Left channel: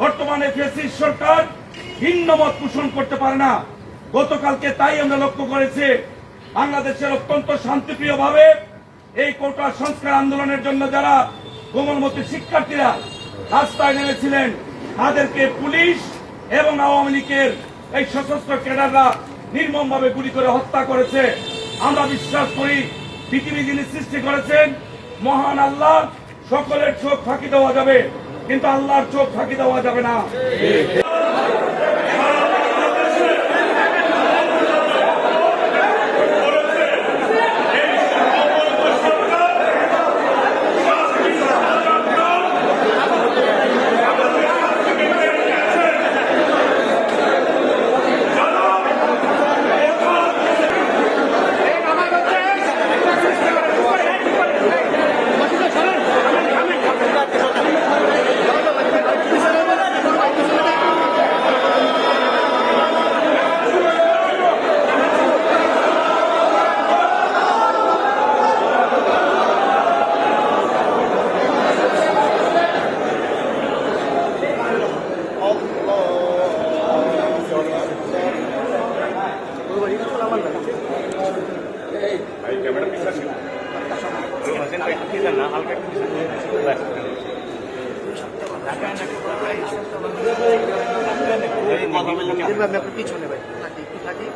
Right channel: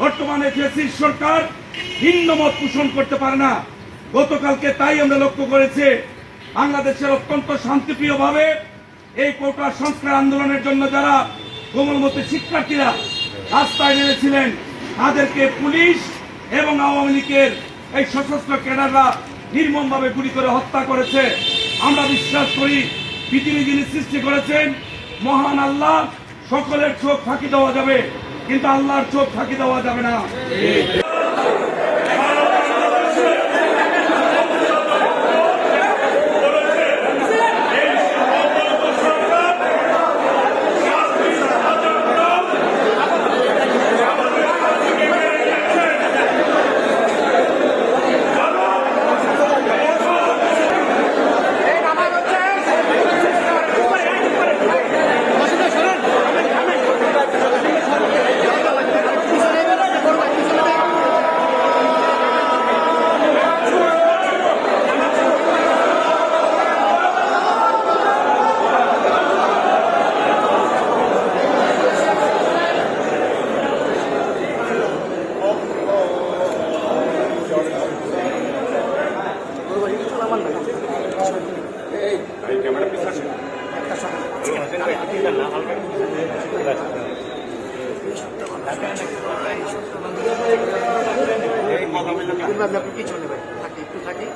বর্তমানে ফ্যাসিস্ট সরকার ভিন্ন মত পোষণ করতে পারে না। গতকালকে তাই আমরা লক্ষ্য করেছি বাংলাদেশের অত্যন্ত শান্তিপ্রিয় ভাবে এই কোটা সংস্কার আন্দোলনের জন্য যারা কোমলমতি শিক্ষার্থীরা রাস্তায় নেমেছিলেন তাদেরকে পুলিশ এবং আওয়ামী লীগের এই সশস্ত্র ক্যাডাররা নির্মমভাবে গুলি করে হত্যা করেছে। আমরা বিশ্বাস করি পৃথিবী যিনি সৃষ্টি করেছেন মহান আল্লাহ, সকলের চোখ ফাঁকি দেওয়া যাবে কিন্তু আল্লাহর চোখ ফাঁকি দেওয়া যাবে না। পিছনে থাকি